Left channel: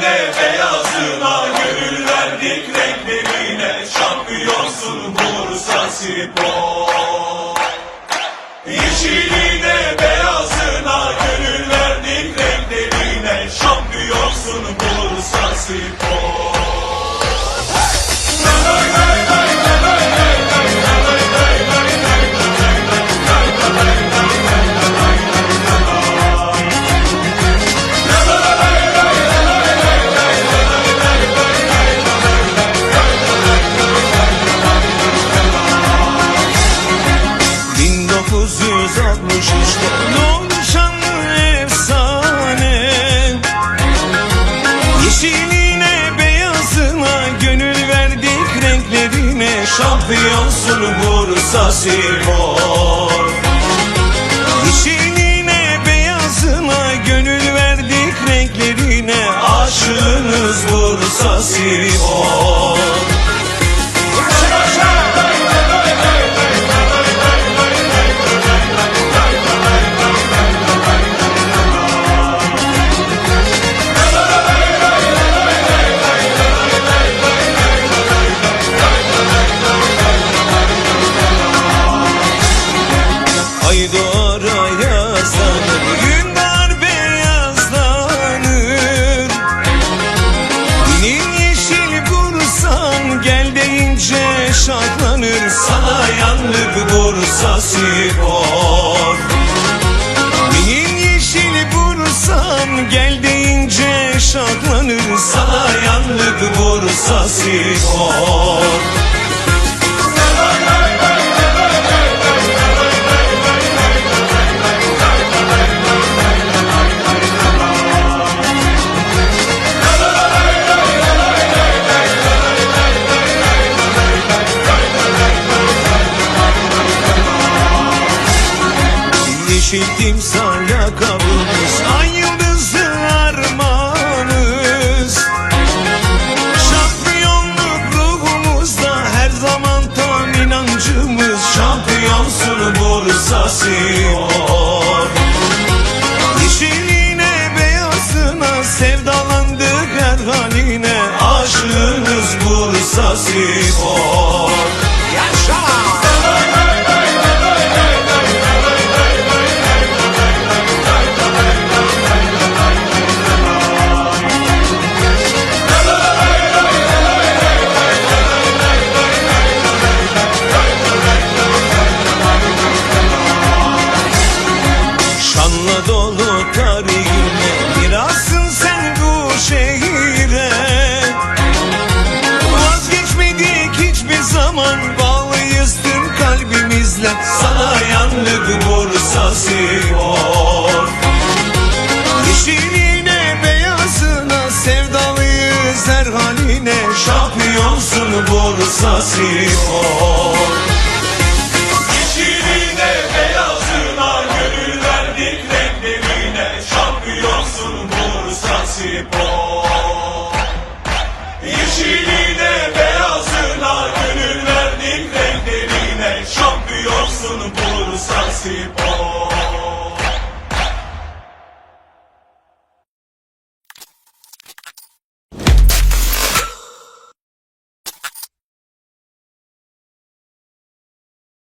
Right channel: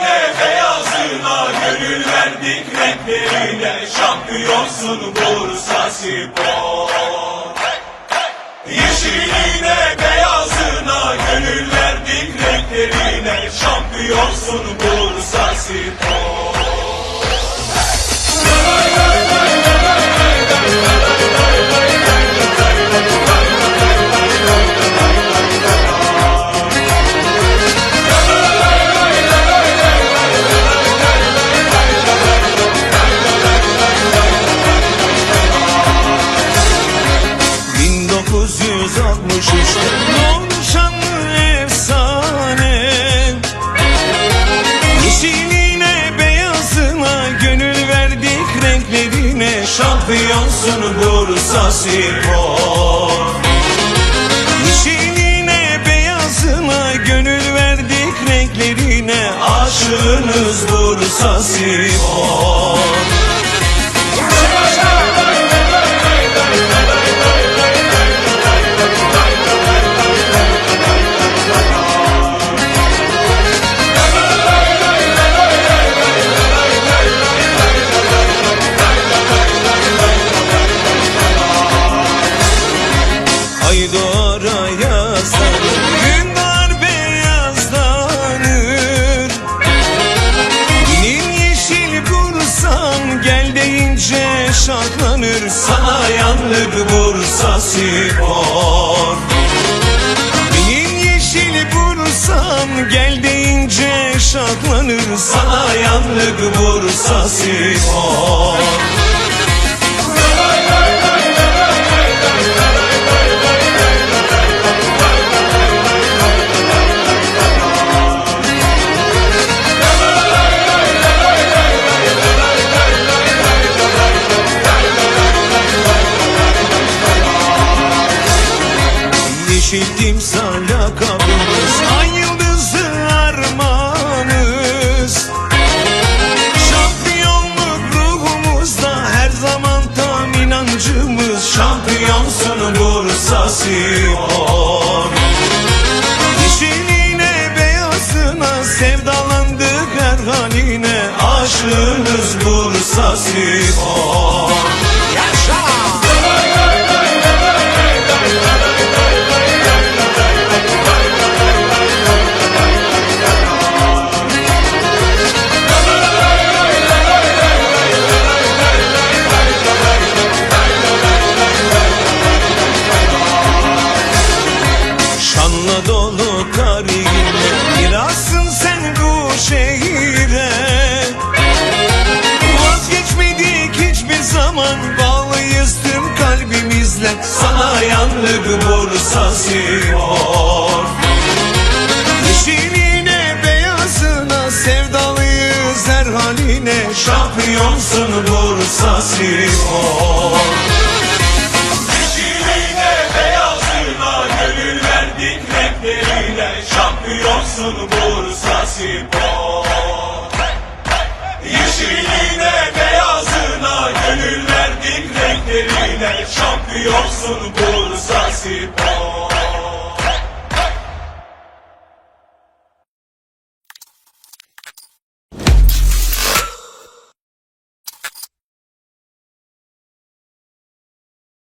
Yeşiline beyazına gönül verdik renklerine Şampiyonsun Bursa Spor. Yeşiline beyazına gönül verdik renklerine Şampiyonsun Bursa Spor ...1963'te doğdu şanlı efsane? Yeşiline beyazına gönül verdik renklerine. Şampiyonsun Bursa Spor. Yeşiline beyazına gönül verdik renklerine. Aşığınız Bursa Spor Ay doğar ayazlanır Gün var beyazlanır Benim yeşil Bursam Gel deyince şartlanır. Sana yandık Bursa Spor. Benim yeşil Bursam Gel deyince şartlanır. Sana yandık Bursa Spor Yeşil timsah lakabımız Ay yıldızı armağanız Şampiyonluk ruhumuzda Her zaman tam inancımız. Şampiyonsun Bursa Spor Yeşiline beyazına Sevdalandık her haline. Aşığınız Bursa Spor Şanla dolu tarihine Mirasın sen bu şehire. Vazgeçmedik hiçbir zaman Bağlıyız tüm kalbimizle. Sana yandık Bursa Spor Yeşiline beyazına Sevdalıyız her haline. Şampiyonsun Bursa Spor Şampiyonsun Bursa Spor. Yeşiline beyazına gönül verdik renklerine Şampiyonsun Bursa Spor